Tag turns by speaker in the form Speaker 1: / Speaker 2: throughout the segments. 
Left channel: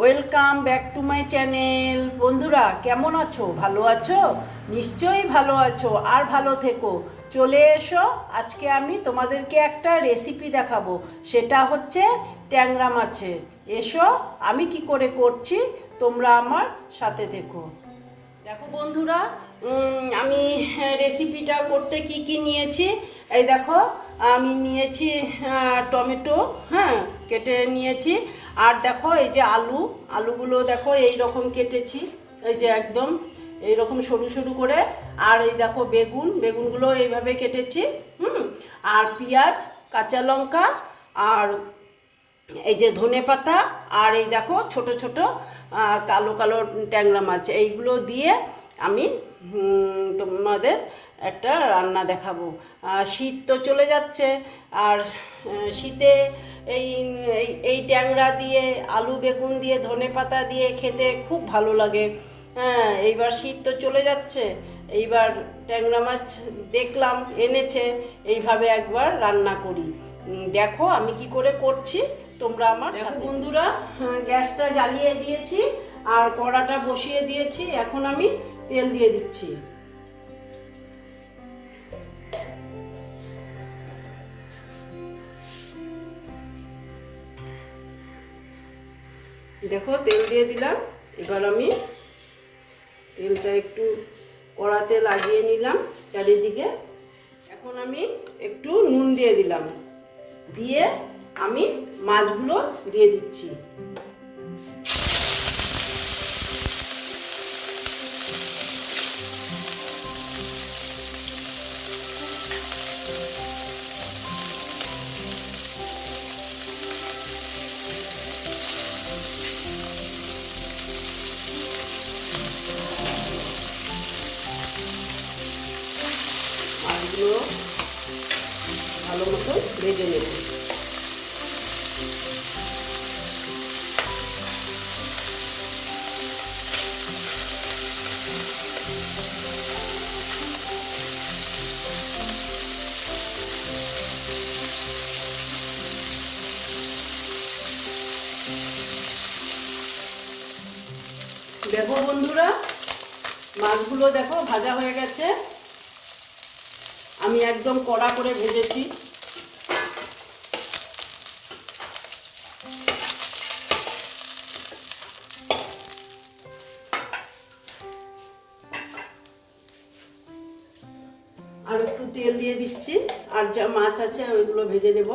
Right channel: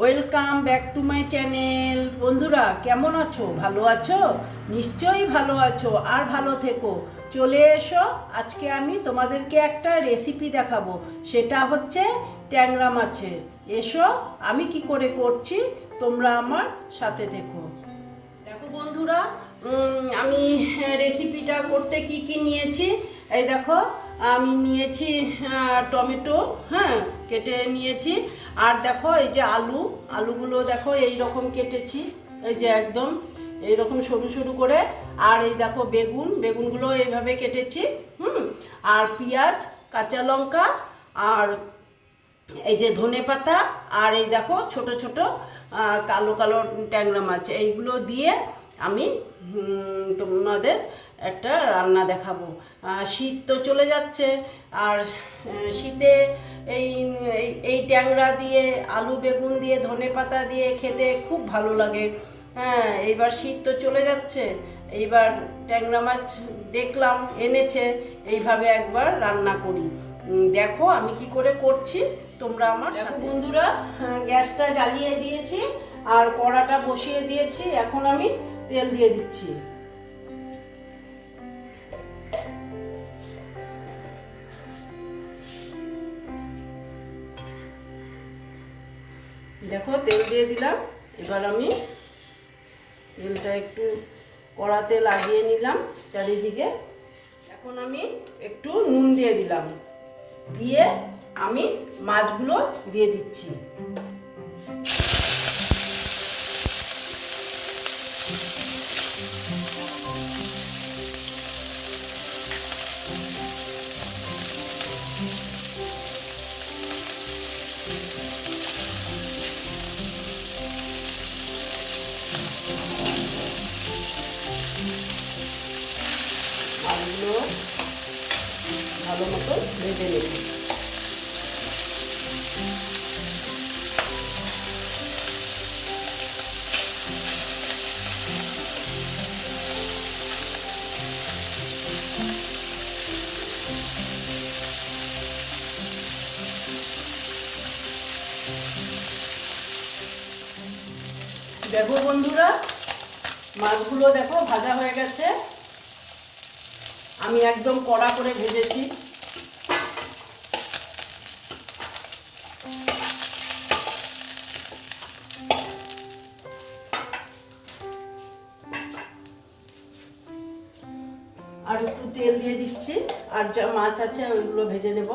Speaker 1: Welcome back to my channel বন্ধুরা, কেমন আছো? ভালো আছো? নিশ্চয়ই ভালো আছো, আর ভালো থেকো। চলে এসো, আজকে আমি তোমাদেরকে একটা রেসিপি দেখাবো। সেটা হচ্ছে ট্যাংরা মাছের। এসো, আমি কি করে করছি, তোমরা আমার সাথে থেকো। দেখো বন্ধুরা আমি রেসিপিটা করতে কি কি নিয়েছি? এই দেখো, আমি নিয়েছি টমেটো হ্যাঁ কেটে নিয়েছি। আর দেখো এই যে আলু, আলুগুলো দেখো এই রকম কেটেছি, এই যে একদম এই রকম সরু সরু করে। আর এই দেখো বেগুন, বেগুনগুলো এইভাবে কেটেছি, হুম? আর পেঁয়াজ, কাঁচা লঙ্কা, আর এই যে ধনে পাতা, আর এই দেখো ছোট ছোট কালো কালো ট্যাংরা মাছ, এইগুলো দিয়ে আমি তোমাদের একটা রান্না দেখাবো। শীত তো চলে যাচ্ছে, আর শীতে এই এই- ট্যাংরা দিয়ে আলু বেগুন দিয়ে ধনে পাতা দিয়ে খেতে খুব ভালো লাগে। হ্যাঁ এইবার শীত তো চলে যাচ্ছে। এইবার ট্যাংরা মাছ দেখলাম এনেছে। এইভাবে একবার রান্না করি। দেখো আমি কি করে করছি তোমরা আমার সাথে। বন্ধুরা হ্যাঁ, গ্যাসটা জ্বালিয়ে দিয়েছি আর কড়াটা বসিয়ে দিয়েছি। এখন আমি তেল দিয়ে দিচ্ছি। দেখো, তেল দিয়ে দিলাম। এবার আমি তেলটা একটু কড়াতে লাগিয়ে নিলাম চারিদিকে। এখন আমি একটু নুন দিয়ে দিলাম। দিয়ে আমি মাছগুলো দিয়ে দিচ্ছি। মতো ভেজে নেবে। দেখো বন্ধুরা, মাছগুলো দেখো ভাজা হয়ে গেছে। আমি একদম কড়া করে ভেজেছি। আর যা মাছ আছে ওইগুলো ভেজে নেব।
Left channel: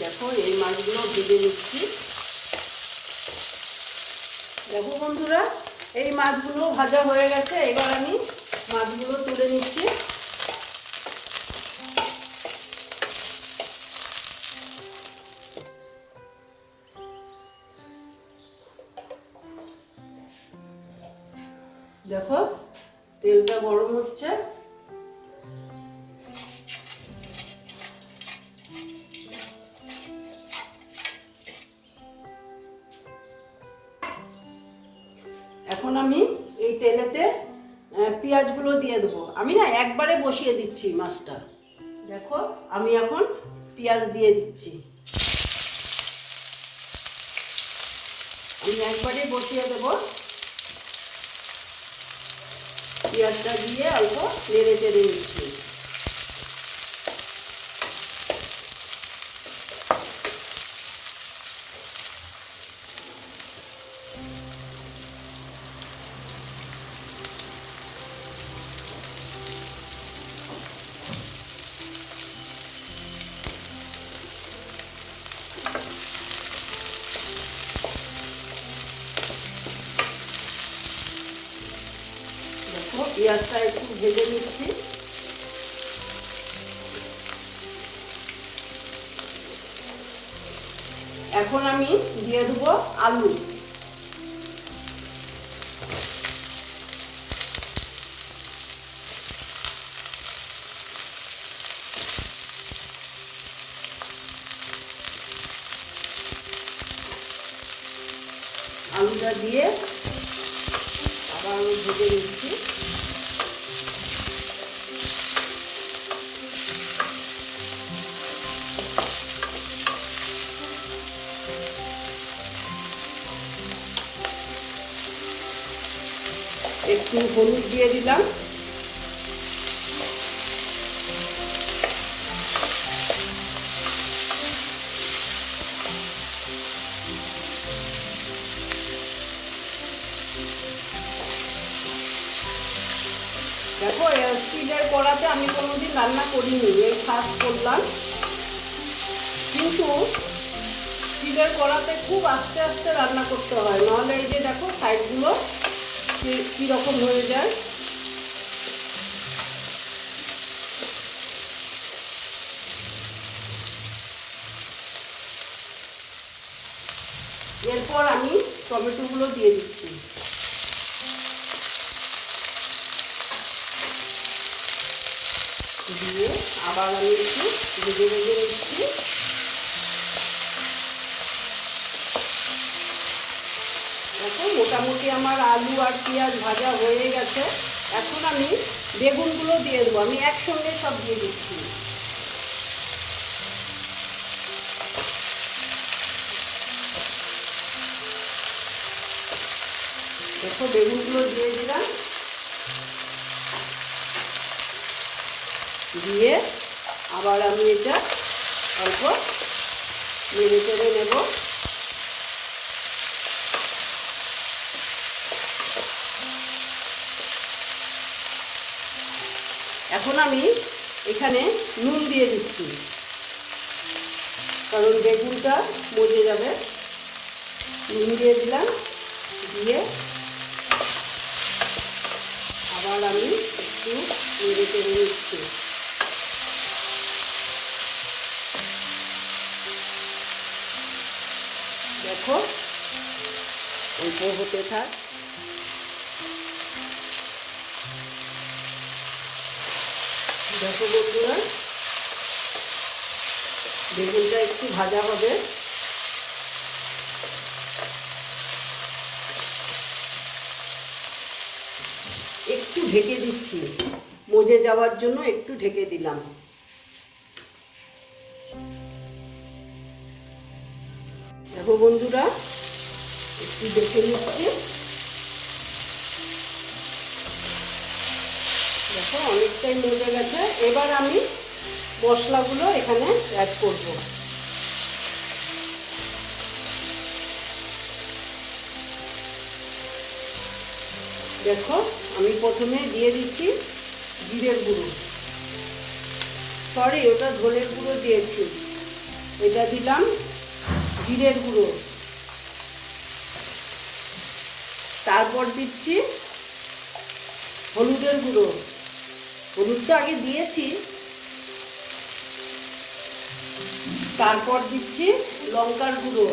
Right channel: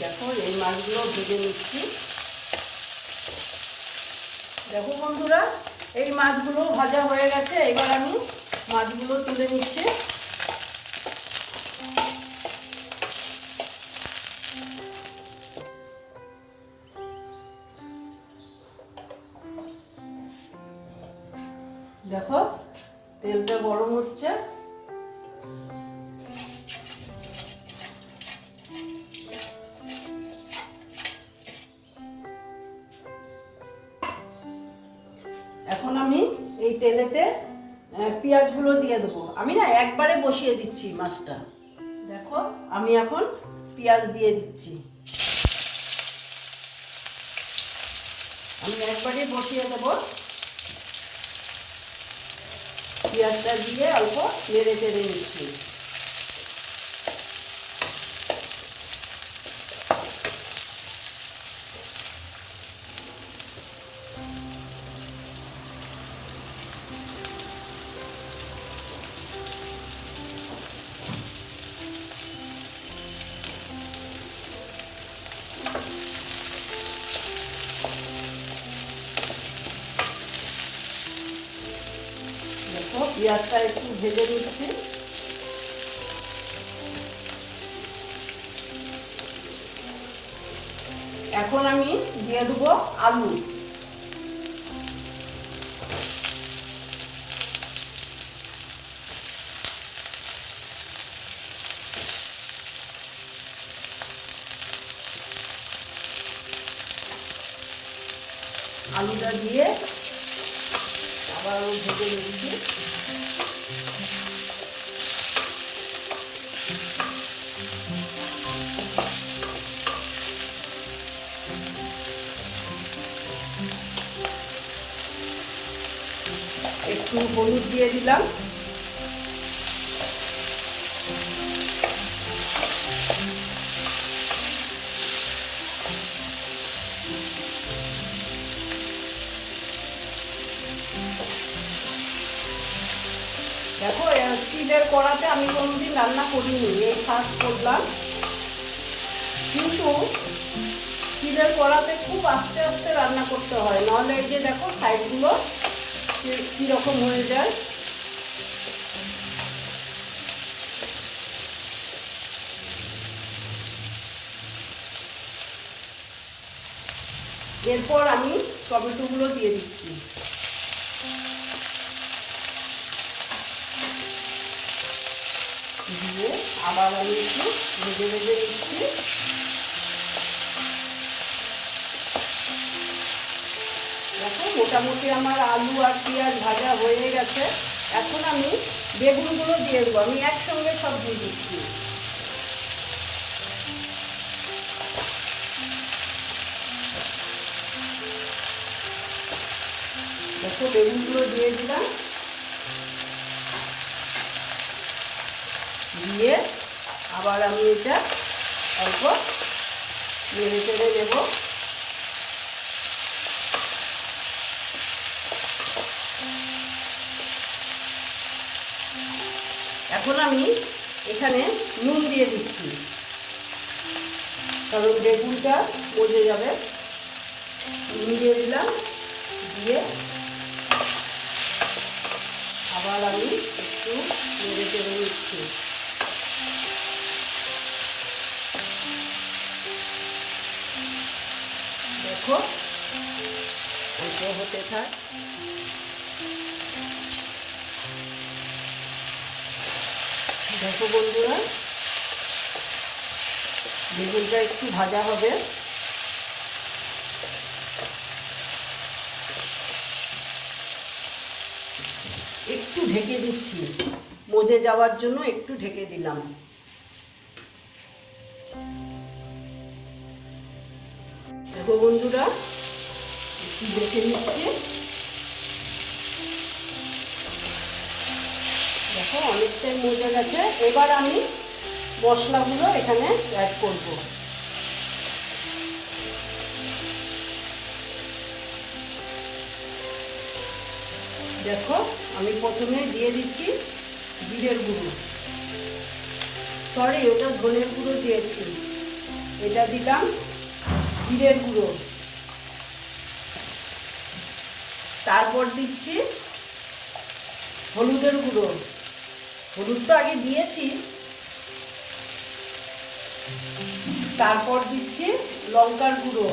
Speaker 1: দেখো এই মাছগুলো ভেজে নিচ্ছি। দেখো বন্ধুরা এই মাছগুলো ভাজা হয়ে গেছে এবার আমি মাছগুলো তুলে নিচ্ছি। দেখো তেলটা গরম হচ্ছে। পেঁয়াজগুলো দিয়ে দেবো। আমি না একবারে বসিয়ে দিচ্ছি মাছটা। দেখো, আমি এখন পেঁয়াজ দিয়ে দিচ্ছি। আমি একবারে বসিয়ে দেবো। পেঁয়াজটা দিয়ে অল্প নেড়ে চেড়ে নিচ্ছি। পেঁয়াজটা একটু ভেজে নিচ্ছি। এখন আমি দিয়ে দেবো আলু। একটু হলুদ দিয়ে দিলাম। দেখো স্টিলের কড়াতে আমি কোনোদিন রান্না করিনি, এই ফার্স্ট করলাম। কিন্তু স্টিলের কড়াতে খুব আস্তে আস্তে রান্না করতে হয়। নাহলে এই যে দেখো সাইডগুলো কীরকম হয়ে যায়? এরপর আমি টমেটোগুলো দিয়ে দিচ্ছি। দিয়ে আবার আমি একটু ভেজে ভেজে নিচ্ছি। মোটামুটি আমার আলু আর পেঁয়াজ ভাজা হয়ে গেছে। এখন আমি বেগুনগুলো দিয়ে দেবো। আমি একসঙ্গে সব দিয়ে দিচ্ছি। দেখো, বেগুনগুলো দিয়ে দিলাম। দিয়ে আবার আমি এটা অল্প নেড়ে চেড়ে নেব এখন আমি এখানে নুন দিয়ে দিচ্ছি। কারণ বেগুনটা মজে যাবে। নুন দিয়ে দিলাম, দিয়ে আবার আমি একটু নেড়ে চেড়ে নিচ্ছি। দেখো, অল্প হতে থাক। দেখো বন্ধুরা, বেগুনটা একটু ভাজা হবে। একটু ঢেকে দিচ্ছি। মজে যাওয়ার জন্য একটু ঢেকে দিলাম। দেখো বন্ধুরা, একটু দেখে নিচ্ছি। দেখো অনেকটাই মজে গেছে। এবার আমি মশলাগুলো এখানে অ্যাড করব। দেখো, আমি প্রথমে দিয়ে দিচ্ছি জিরের গুঁড়ো। সরি ওটা ধনের গুঁড়ো দিয়েছি। এটা দিলাম জিরের গুঁড়ো। তারপর দিচ্ছি হলুদের গুঁড়ো। হলুদ তো আগে দিয়েছি। তারপর দিচ্ছি লঙ্কার গুঁড়ো।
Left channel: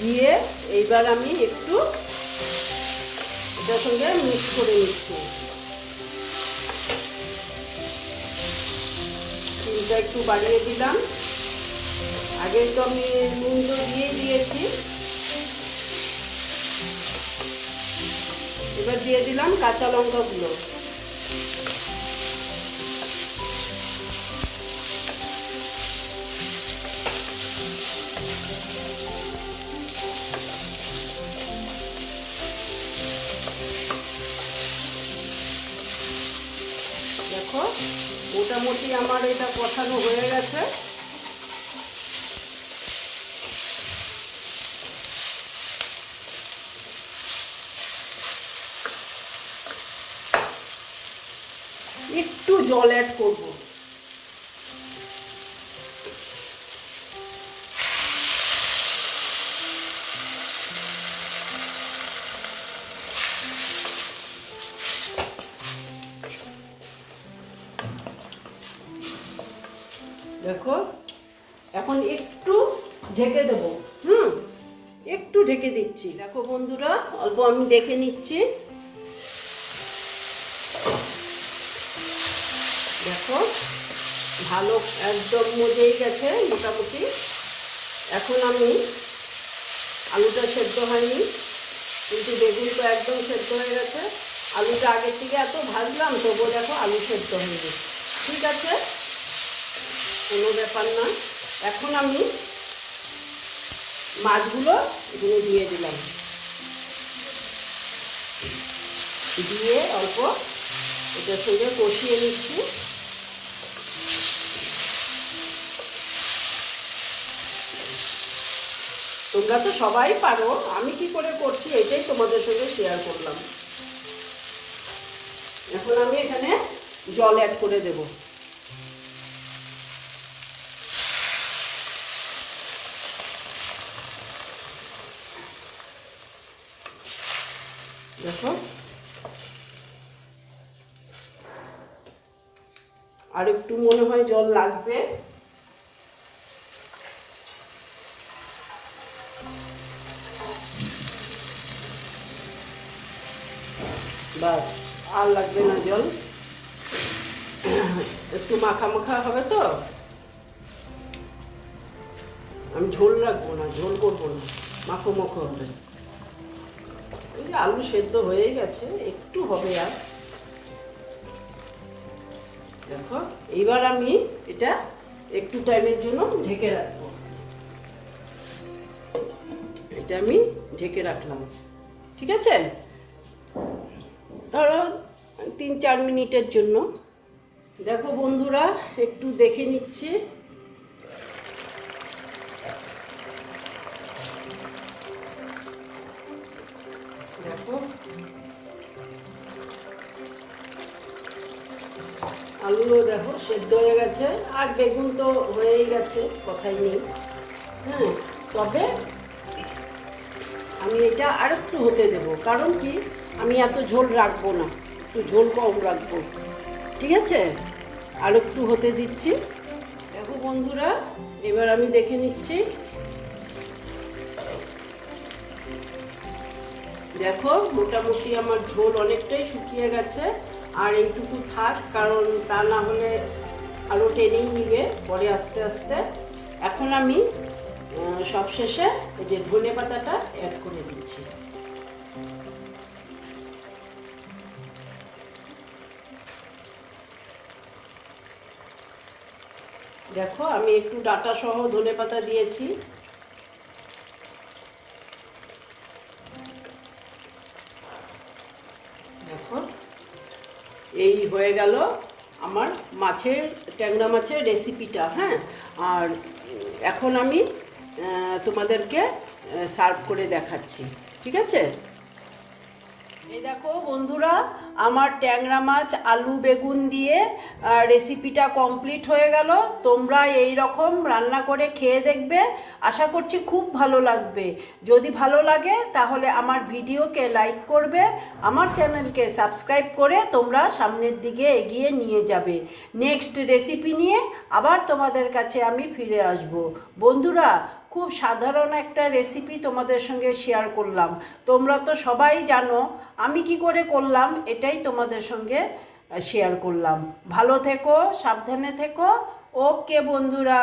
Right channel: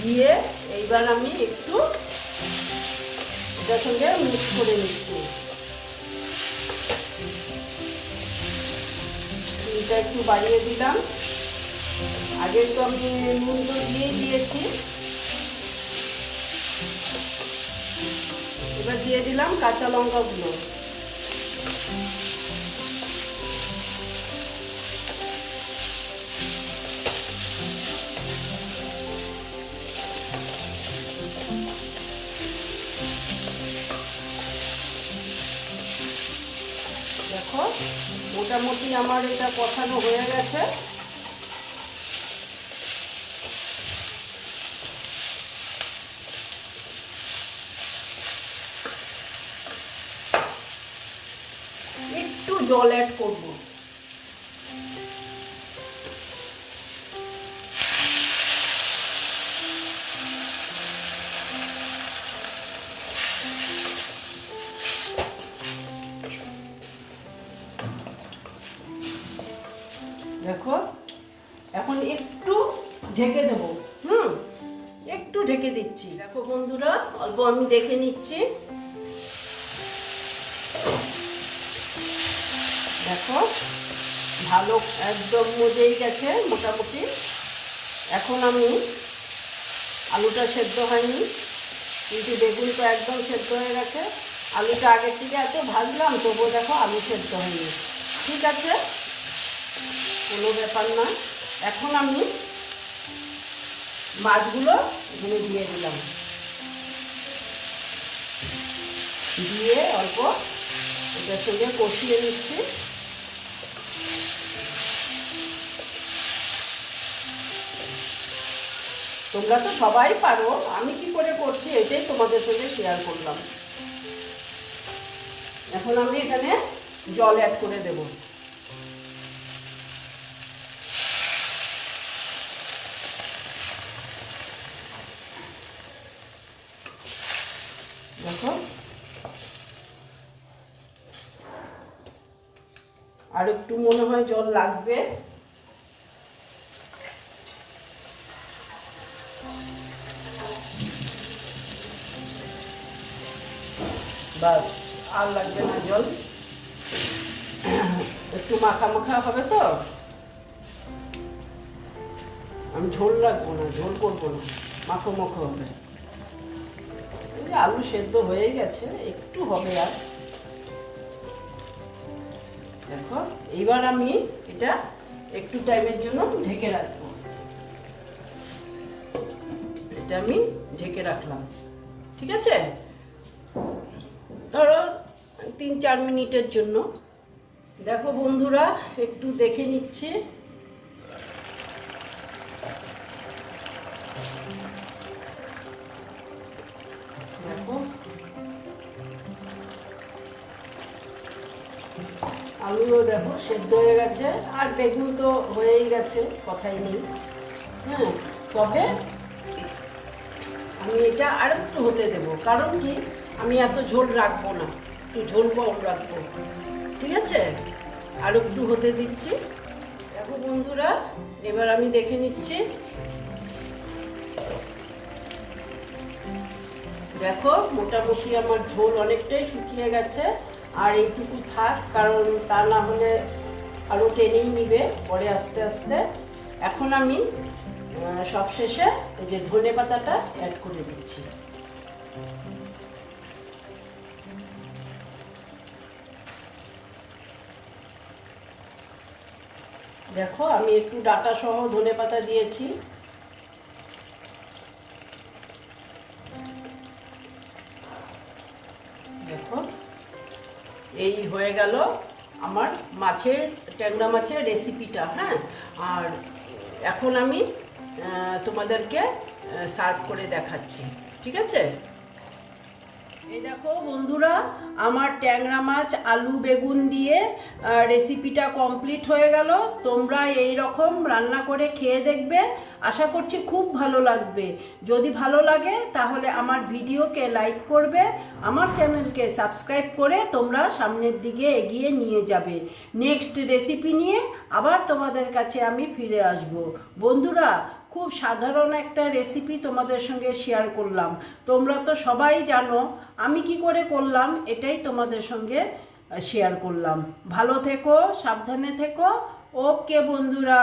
Speaker 1: দিয়ে এইবার আমি একটু সঙ্গে মিক্স করে নিচ্ছি। নুনটা একটু বাড়িয়ে দিলাম। আগে তো আমি নুন তো দিয়ে দিয়েছি। এবার দিয়ে দিলাম কাঁচা লঙ্কাগুলো। দেখো মোটামুটি আমার এটা কষানো হয়ে গেছে। একটু জল অ্যাড করব। দেখো, এখন একটু ঢেকে দেব। হুম, একটু ঢেকে দিচ্ছি। দেখো বন্ধুরা, অল্প আমি দেখে নিচ্ছি। দেখো, ভালো একদম মজেই গেছে মোটামুটি। এখন আমি আলুটা সেদ্ধ হয়নি, কিন্তু বেগুনটা একদম সেদ্ধ হয়ে গেছে। আলুটা আগের থেকে এত ভাজলাম, তবুও দেখো আলু সেদ্ধ হয়নি। ঠিক আছে? কোনো ব্যাপার না। এখন আমি মাছগুলো এখানে দিয়ে দিলাম। দিয়ে অল্প এটার সঙ্গে কষিয়ে নিচ্ছি। তোমরা তো সবাই পারো। আমি কি করে করছি? এটাই তোমাদের সঙ্গে শেয়ার করলাম। এখন আমি এখানে জল অ্যাড করে দেব। দেখো। আর একটু মনে হয় জল লাগবে। আর লাগবে না জল? একটু মাখা মাখা হবে তো? আমি ঝোল রাখব না, ঝোল করব না, মাখো মাখো হবে। আলু সেদ্ধ হয়ে গেছে, একটু হবে আর। দেখো এবার আমি এটা একটু টাইমের জন্য ঢেকে রাখব। এটা আমি ঢেকে রাখলাম। ঠিক আছে? ধরো তিন চার মিনিটের জন্য। দেখো বন্ধুরা, একটু দেখে নিচ্ছি। দেখো। আলুও দেখো সেদ্ধ হয়ে গেছে। আর বেগুন তো হয়েই গেছে, কথাই নেই। হ্যাঁ তবে আমি এটা আর একটু হতে দেবো। কারণ কি? আমি এত ঝোল রাখব না। একটু ঝোল কম রাখব। ঠিক আছে? আর একটু হতে দিচ্ছি। দেখো বন্ধুরা, এবার আমি দেখে নিচ্ছি। দেখো, মোটামুটি আমার ঝোল অনেকটাই শুকিয়ে গেছে। আর এইটুকু থাক, কারণ তা না হলে আরও টেনেই নিবে পরে আস্তে আস্তে। এখন আমি সবশেষে এই যে ধনে পাতাটা অ্যাড করে দিচ্ছি। দেখো, আমি একটু ডাটা সহ ধনে পাতা দিয়েছি। দেখো, এই হয়ে গেল আমার মাছের, ট্যাংরা মাছের রেসিপিটা হ্যাঁ? আর এখন আমি তোমাদেরকে সার্ভ করে দেখাচ্ছি, ঠিক আছে? এই দেখো বন্ধুরা, আমার ট্যাংরা মাছ, আলু, বেগুন দিয়ে রেসিপিটা কমপ্লিট হয়ে গেল। তোমরা এই রকম রান্না করে খেয়ে দেখবে। আশা করছি খুব ভালো লাগবে। যদি ভালো লাগে, তাহলে আমার ভিডিওকে লাইক করবে, আমার চ্যানেলকে সাবস্ক্রাইব করে তোমরা সামনের দিকে এগিয়ে নিয়ে যাবে। নেক্সট রেসিপি নিয়ে আবার তোমাদের কাছে আমি ফিরে আসব। বন্ধুরা খুব সাধারণ একটা রেসিপি তোমাদের সঙ্গে শেয়ার করলাম। তোমরা তো সবাই জানো, আমি কি করে করলাম এটাই তোমাদের সঙ্গে শেয়ার করলাম। ভালো থেকো, সাবধানে থেকো। ওকে বন্ধুরা।